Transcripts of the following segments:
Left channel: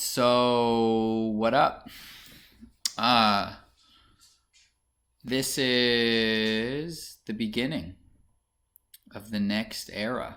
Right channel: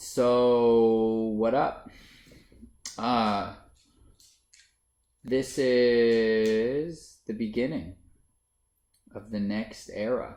So, what up? Uh, this is the beginning of the next era.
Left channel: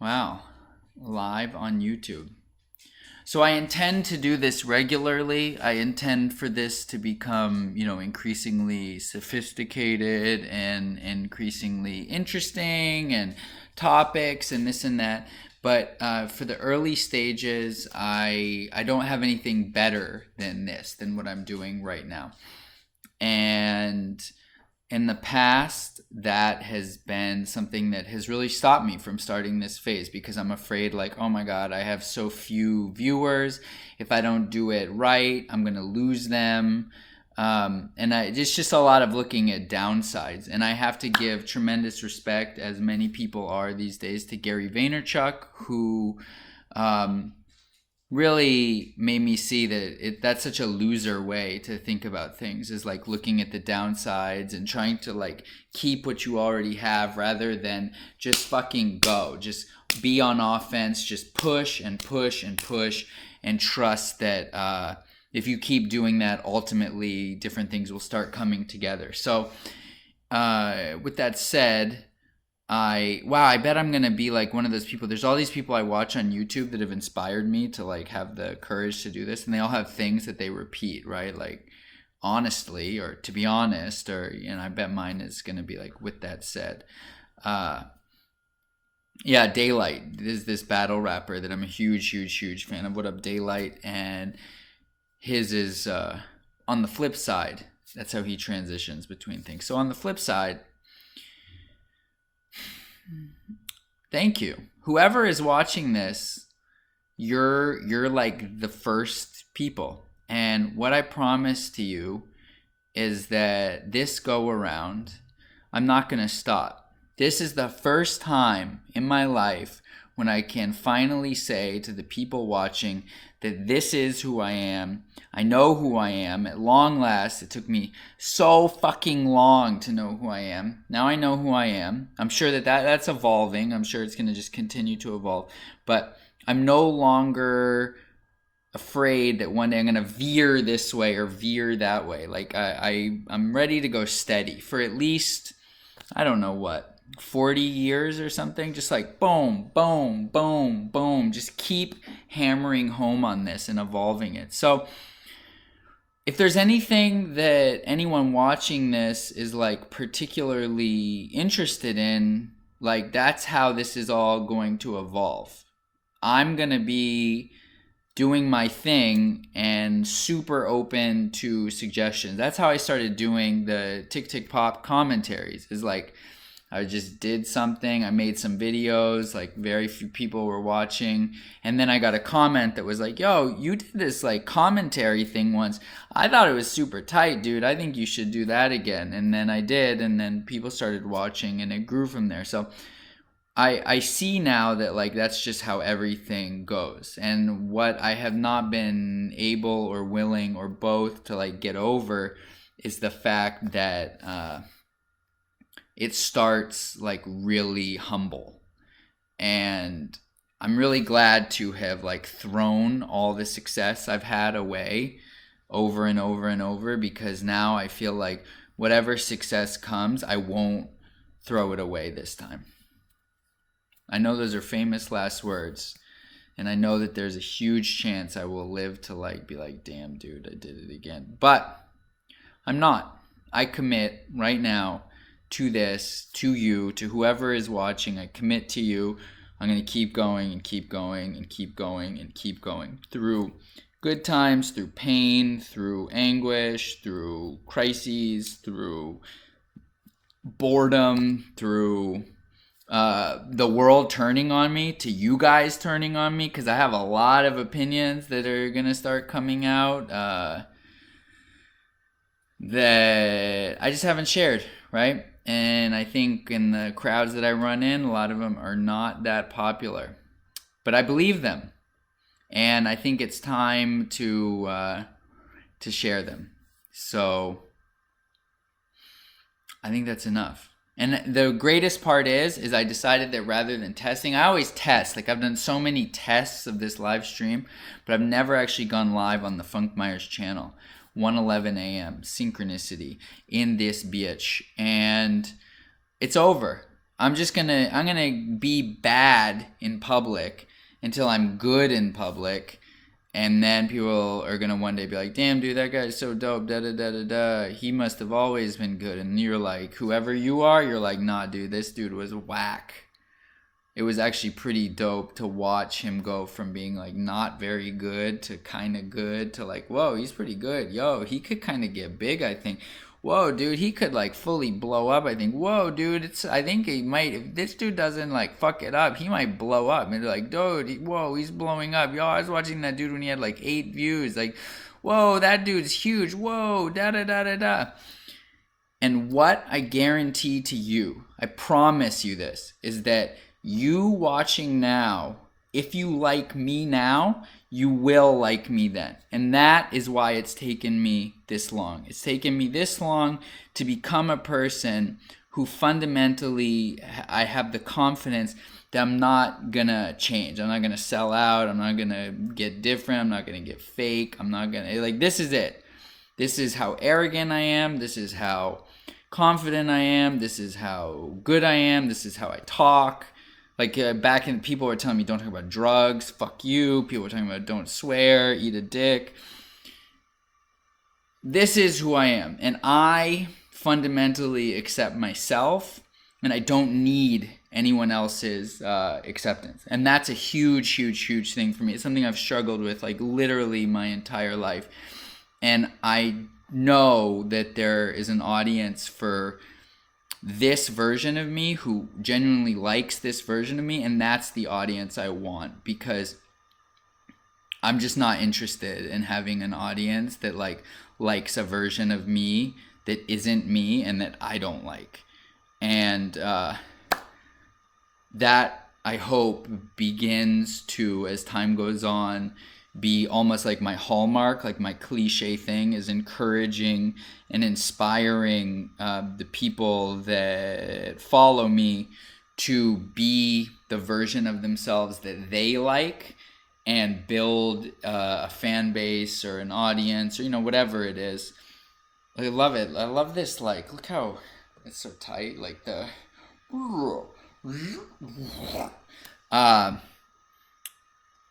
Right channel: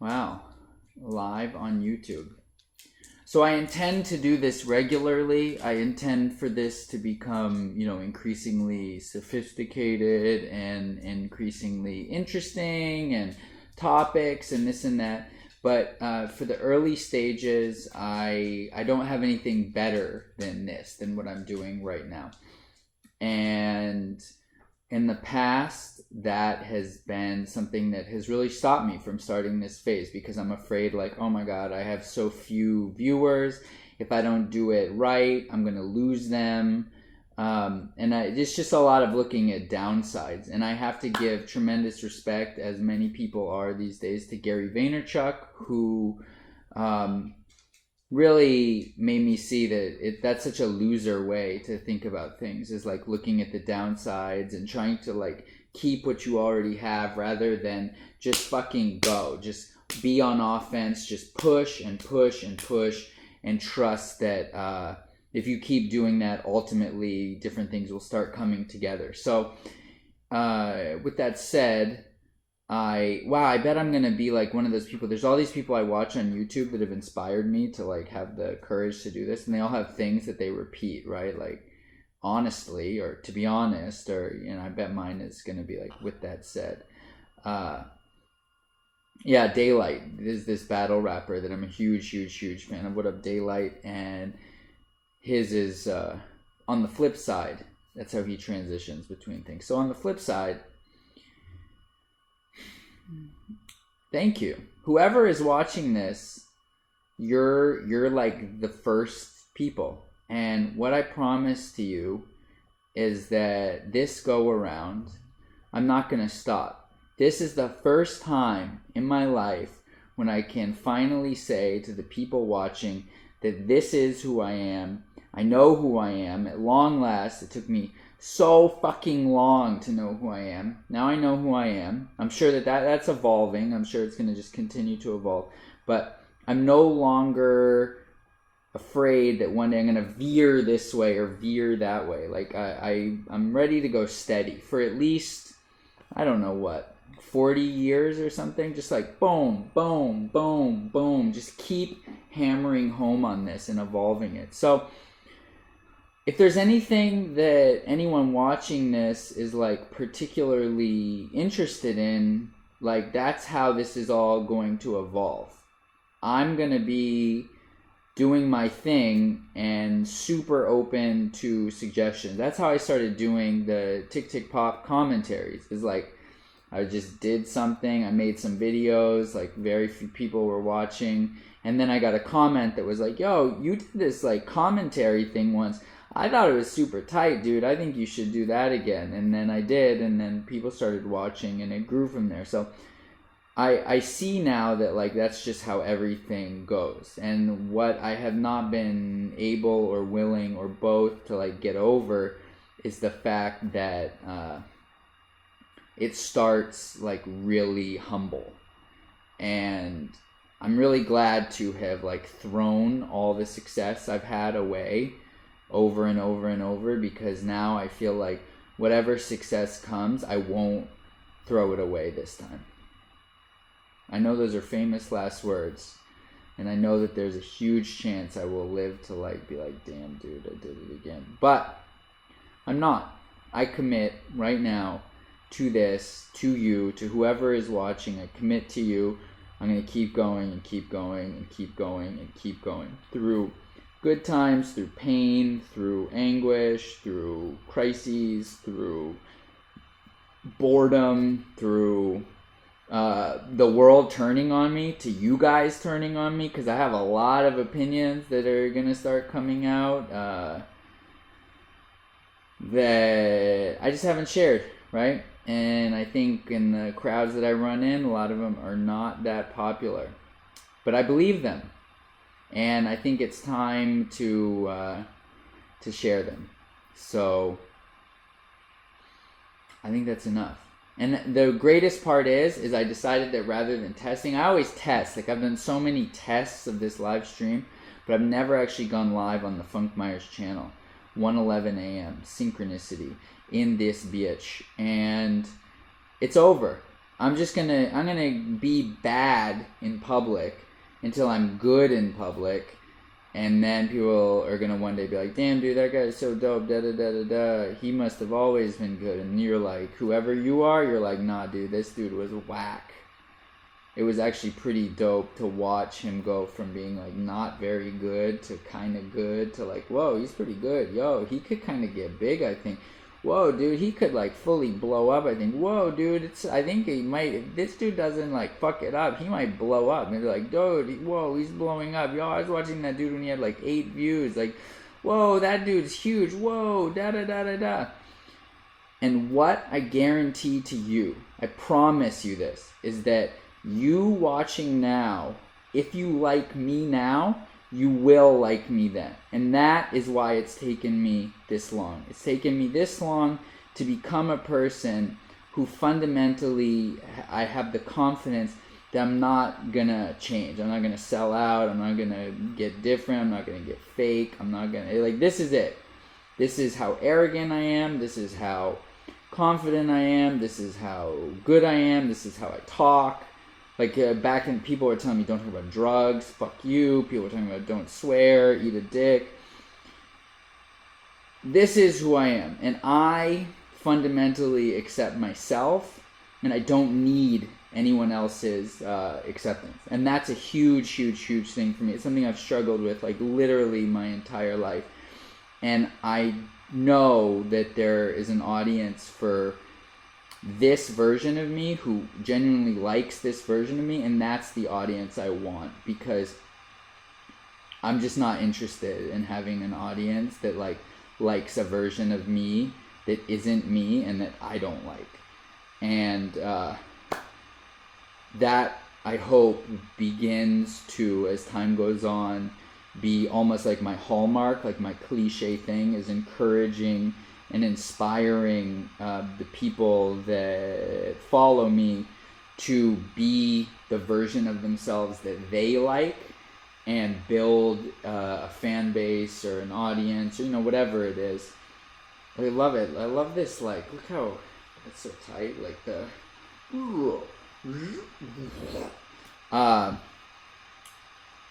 Wow. Live on YouTube. So I intend to do this regularly. I intend for this to become, increasingly sophisticated and increasingly interesting and topics and this and that. But for the early stages, I don't have anything better than what I'm doing right now. And in the past, that has been something that has really stopped me from starting this phase, because I'm afraid, like, oh my God, I have so few viewers. If I don't do it right, I'm going to lose them. It's just a lot of looking at downsides. And I have to give tremendous respect, as many people are these days, to Gary Vaynerchuk, who really made me see that that's such a loser way to think about things, is like looking at the downsides and trying to like keep what you already have rather than just fucking go. Just be on offense, just push and push and push and trust that if you keep doing that, ultimately different things will start coming together. So with that said, I bet I'm gonna be like one of those people. There's all these people I watch on YouTube that have inspired me to like have the courage to do this, and they all have things that they repeat, right? Like, honestly, or to be honest, or I bet mine is gonna be like, with that said. Daylight is this battle rapper that I'm a huge fan of. What up, Daylight? And his is on the flip side. That's how he transitions between things. So on the flip side, thank you. Whoever is watching this, you're like the first people. And what I promise to you is that this go around, I'm not going to stop. This is the first time in my life when I can finally say to the people watching that this is who I am. I know who I am. At long last, it took me so fucking long to know who I am. Now I know who I am. I'm sure that's evolving. I'm sure it's going to just continue to evolve. But I'm no longer afraid that one day I'm going to veer this way or veer that way. Like, I'm ready to go steady for at least, I don't know what, 40 years or something. Just like boom, boom, boom, boom. Just keep hammering home on this and evolving it. So if there's anything that anyone watching this is like particularly interested in, like, that's how this is all going to evolve. I'm going to be doing my thing and super open to suggestions. That's how I started doing the Tick Tick Pop commentaries. Is like, I just did something, I made some videos, like very few people were watching, and then I got a comment that was like, yo, you did this like commentary thing once. I thought it was super tight, dude. I think you should do that again. And then I did, and then people started watching, and it grew from there. So I see now that like that's just how everything goes. And what I have not been able or willing or both to like get over is the fact that it starts like really humble. And I'm really glad to have like thrown all the success I've had away over and over and over, because now I feel like whatever success comes, I won't throw it away this time. I know those are famous last words, and I know that there's a huge chance I will live to like be like, damn dude, I did it again. But I'm not. I commit right now to this, to you, to whoever is watching. I commit to you. I'm going to keep going and keep going and keep going and keep going through good times, through pain, through anguish, through crises, through boredom, through the world turning on me, to you guys turning on me, because I have a lot of opinions that are going to start coming out that I just haven't shared, right? And I think in the crowds that I run in, a lot of them are not that popular. But I believe them. And I think it's time to share them. So I think that's enough. And the greatest part is I decided that rather than testing, I always test. Like I've done so many tests of this live stream, but I've never actually gone live on the Funk Myers channel. 1:11 a.m. synchronicity in this bitch, and it's over. I'm gonna be bad in public until I'm good in public, and then people are gonna one day be like, damn dude, that guy's so dope, da da da da da, he must have always been good. And you're like, whoever you are, you're like, nah dude, this dude was whack. It was actually pretty dope to watch him go from being like not very good to kind of good to like, whoa, he's pretty good. Yo, he could kind of get big, I think. Whoa, dude, he could like fully blow up, I think. Whoa, dude, I think he might, if this dude doesn't like fuck it up, he might blow up. And they're like, dude, whoa, he's blowing up. Yo, I was watching that dude when he had like 8 views. Like, whoa, that dude's huge. Whoa, da da da da da. And what I guarantee to you, I promise you this, is that you watching now, if you like me now, you will like me then. And that is why it's taken me this long. It's taken me this long to become a person who fundamentally, I have the confidence that I'm not gonna change. I'm not gonna sell out. I'm not gonna get different. I'm not gonna get fake. I'm not gonna, like, this is it. This is how arrogant I am. This is how confident I am. This is how good I am. This is how I talk. Like back in, people were telling me don't talk about drugs, fuck you. People were talking about don't swear, eat a dick. This is who I am, and I fundamentally accept myself, and I don't need anyone else's acceptance. And that's a huge, huge, huge thing for me. It's something I've struggled with like literally my entire life. And I know that there is an audience for this version of me who genuinely likes this version of me, and that's the audience I want, because I'm just not interested in having an audience that likes a version of me that isn't me and that I don't like. And that, I hope, begins to, as time goes on, be almost like my hallmark, like my cliche thing is encouraging and inspiring the people that follow me to be the version of themselves that they like, and build a fan base or an audience, or whatever it is. I love it. I love this. Like, look how it's so tight. Like the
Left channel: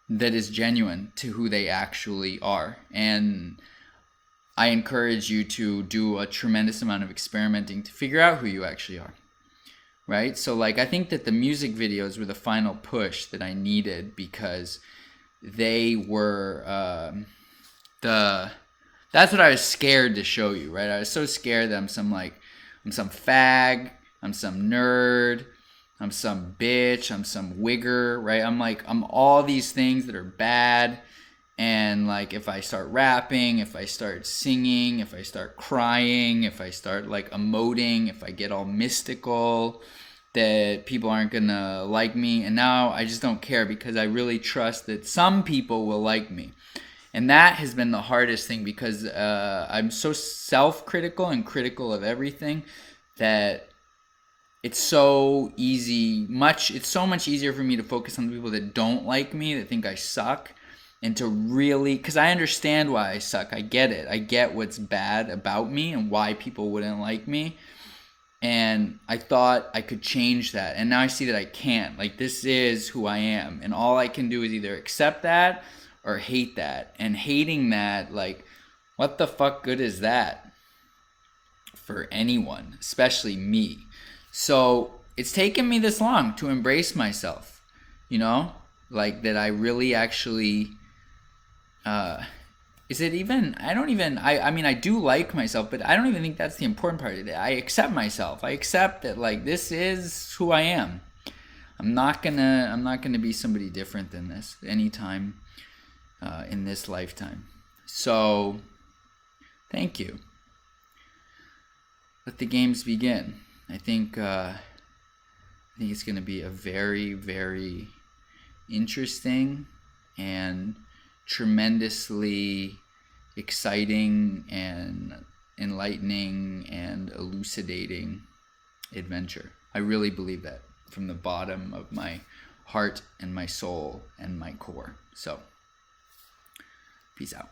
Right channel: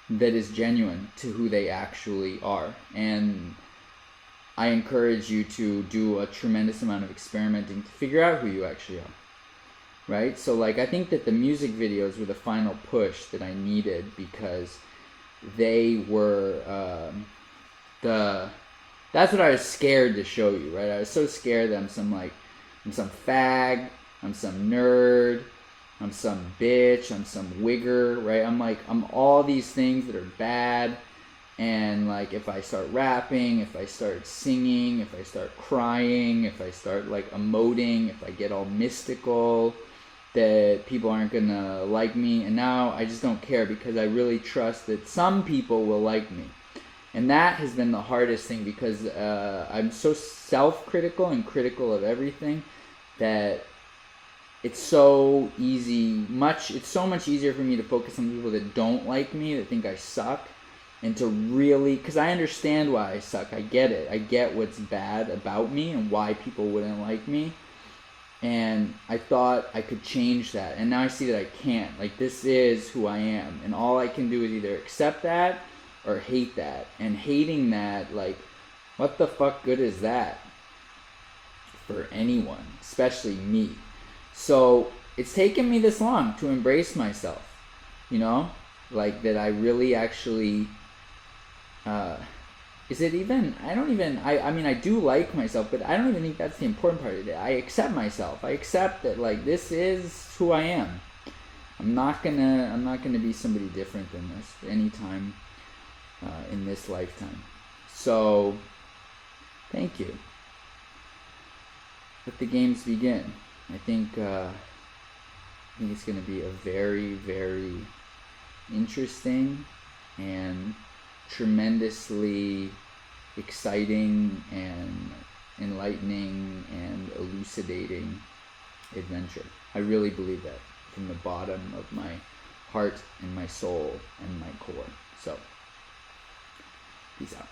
that is genuine to who they actually are. And I encourage you to do a tremendous amount of experimenting to figure out who you actually are, right? So like, I think that the music videos were the final push that I needed, because they were that's what I was scared to show you, right? I was so scared that I'm some fag, I'm some nerd, I'm some bitch, I'm some wigger, right? I'm all these things that are bad. And like, if I start rapping, if I start singing, if I start crying, if I start like emoting, if I get all mystical, that people aren't gonna like me. And now I just don't care, because I really trust that some people will like me. And that has been the hardest thing, because I'm so self-critical and critical of everything that it's so much easier for me to focus on the people that don't like me, that think I suck. And to really, because I understand why I suck. I get it. I get what's bad about me and why people wouldn't like me. And I thought I could change that. And now I see that I can't. Like, this is who I am. And all I can do is either accept that or hate that. And hating that, like, what the fuck good is that for anyone, especially me? So it's taken me this long to embrace myself, like that I really actually... is it even, I mean, I do like myself, but I don't even think that's the important part of it. I accept myself. I accept that, like, this is who I am. I'm not gonna be somebody different than this anytime in this lifetime. So, thank you. Let the games begin. I think it's gonna be a very, very interesting and tremendously exciting and enlightening and elucidating adventure. I really believe that from the bottom of my heart and my soul and my core. So, peace out.